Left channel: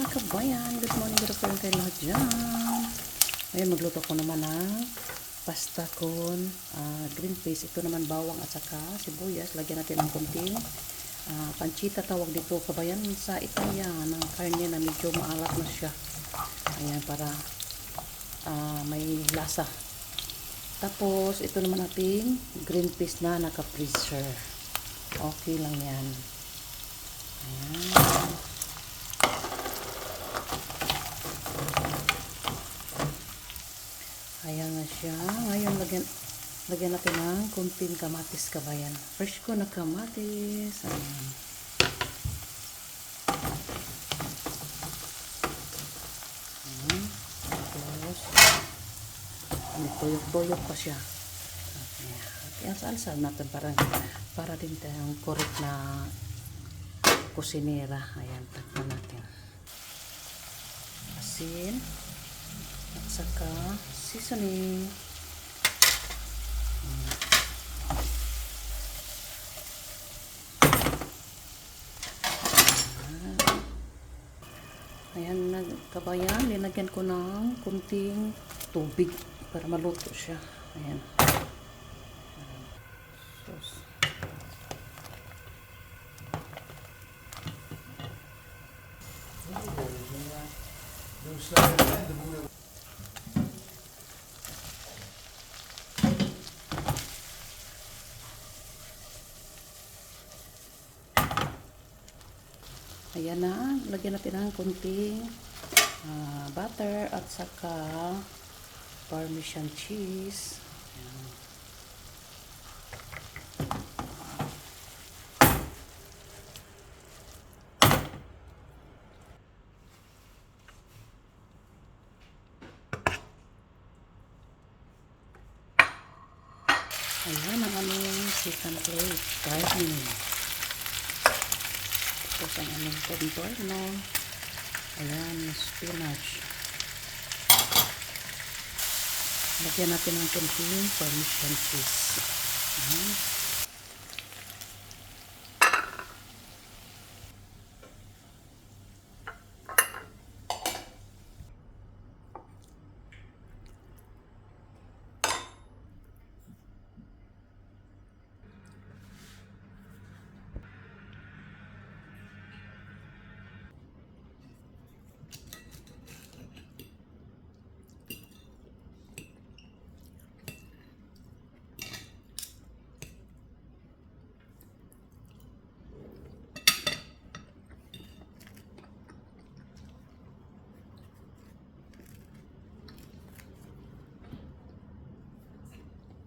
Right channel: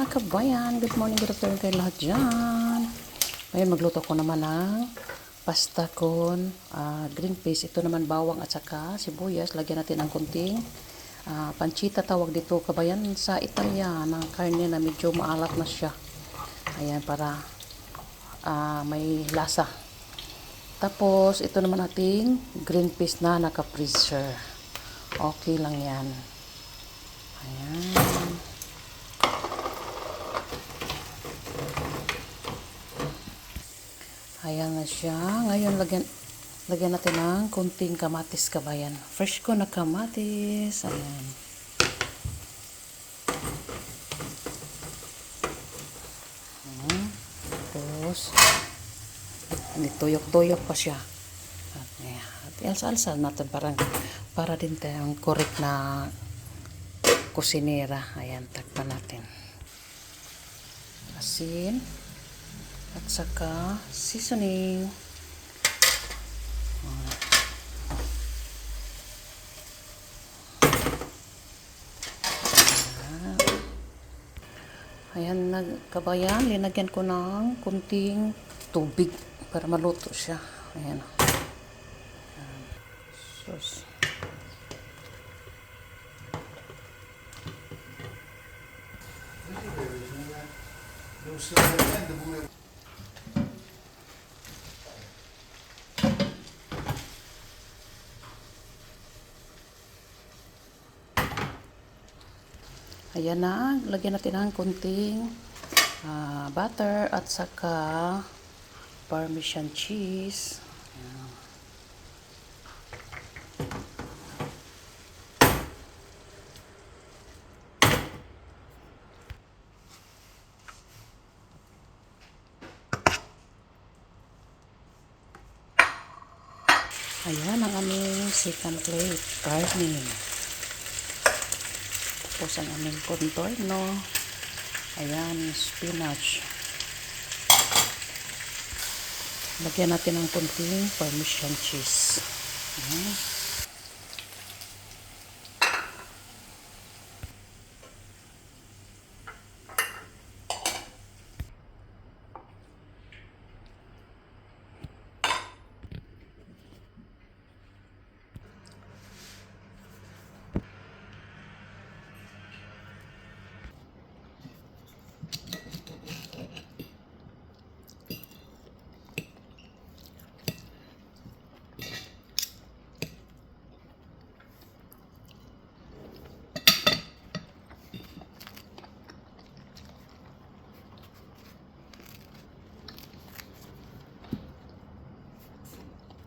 mga kabayan, good morning, good afternoon kayo lahat dyan. Ngayon magluto ko naman ng pasta con green peas. Ito naman bawang at saka sibuyas. Lagyan natin ng kunting pancita tawag dito kabayan sa Italia, ng karne na medyo maalat na siya. Ayan, para may lasa. Tapos ito naman ating green peas na naka-freezer. Okay lang yan. Ayan. Ayan na siya. Ngayon, lagyan natin ng kunting kamatis kabayan. Fresh ko na kamatis. Ayan. Ayan. Tapos, tuyok-tuyok pa siya. At alsa-alsa natin para din tayong correct na kusinera. Ayan, takpan natin. Asin. At saka seasoning. Ayan, kabayan, linagyan ko ng kunting tubig para maluto siya. Ayan. Sus. Ayan na, lagyan natin ng kunting butter at saka parmesan cheese. Ayan. Ayan ang aming second plate, karne. Tapos ang aming contorno. Ayan, spinach. Lagyan natin ng kunting parmesan cheese. Ayan.